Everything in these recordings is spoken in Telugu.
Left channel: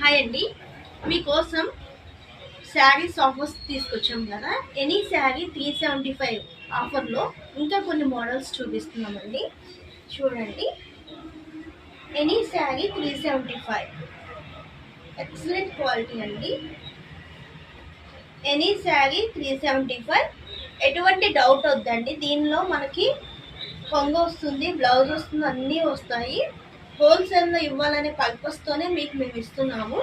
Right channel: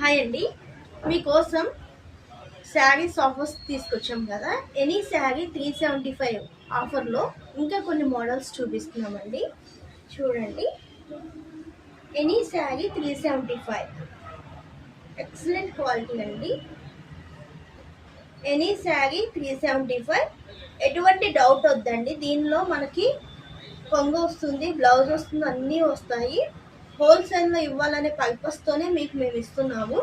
హాయ్ అండి, మీకోసం శారీస్ ఆఫర్స్ తీసుకొచ్చాం కదా. ఎనీ శారీ 375 ఆఫర్లో ఇంకా కొన్ని మోడల్స్ చూపిస్తున్నామండి. చూడండి, ఎనీ శారీ 375 ఎక్సలెంట్ క్వాలిటీ అండి. ఎనీ శారీ 375, ఎటువంటి డౌట్ వద్దండి. దీనిలో మనకి కొంగు వస్తుంది, బ్లౌజ్ వస్తుంది, అన్నీ వస్తాయి. హోల్సేల్లో ఇవ్వాలనే పర్పస్తోనే మీకు మేము ఇస్తున్నాము.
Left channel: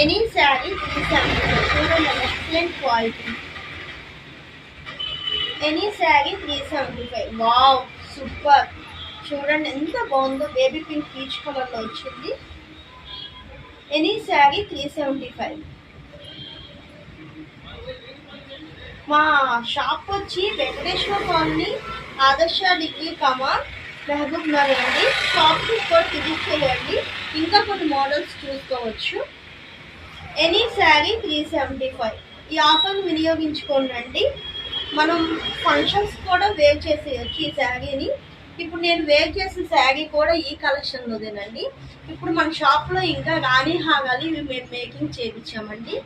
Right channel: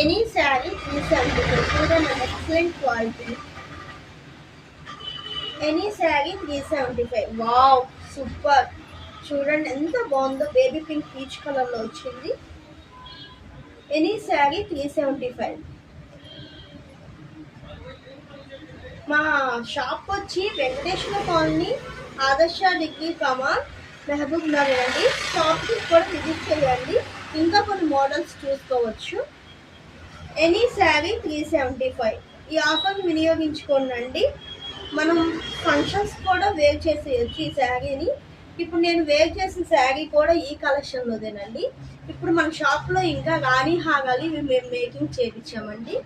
ఎనీ శారీ 375, చూడండి excellent quality. Any sari 375, wow super. చూడండి ఎంత బాగుందో, బేబీ పింక్ పీచ్ కలర్లో వచ్చింది. ఎనీ శారీ 375. మా షాప్ వచ్చి వెంకటేశ్వర కాలనీ, ఆదర్శ డిగ్రీ కమాన్, మహబూబ్ నగర్ అండి. షాప్కి కూడా విజిట్ చేయండి, ఇంకా కొన్ని మోడల్స్ చూసుకోవచ్చు. ఎనీ శారీ 375, ఈ ఆఫర్ వినియోగించుకోండి. మనం ఫంక్షన్స్ కూడా వేర్ చేసేయచ్చు ఈ శారీని. ఇప్పుడు నేను వేర్ చేసిన శారీ కూడా ఈ కలెక్షన్లోదేనండి. ఇప్పుడు మన షాప్లో ఇంకా రాణి హారాలు ఇవి మేము మేకింగ్ చేయించామండి.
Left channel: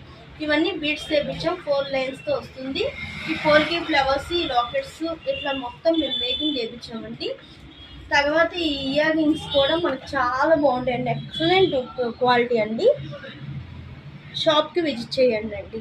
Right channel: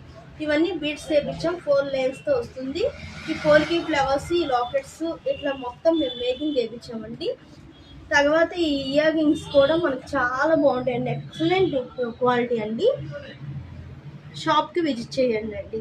ఇవన్నీ బీడ్స్ చేయించాం, 4 లైన్స్తో వస్తుంది. ఈ 4 ఫ్లవర్స్, ఈ లాకెట్స్ ఇట్లా మొత్తం మేము మేకింగ్ చేయించామండి. తర్వాత ఈ ఇయర్ రింగ్స్ కూడా మనకు చాలా బాగుంటాయండి, ఎక్సలెంట్ క్వాలిటీ అండి. షాప్కి విజిట్ చేయండి అండి.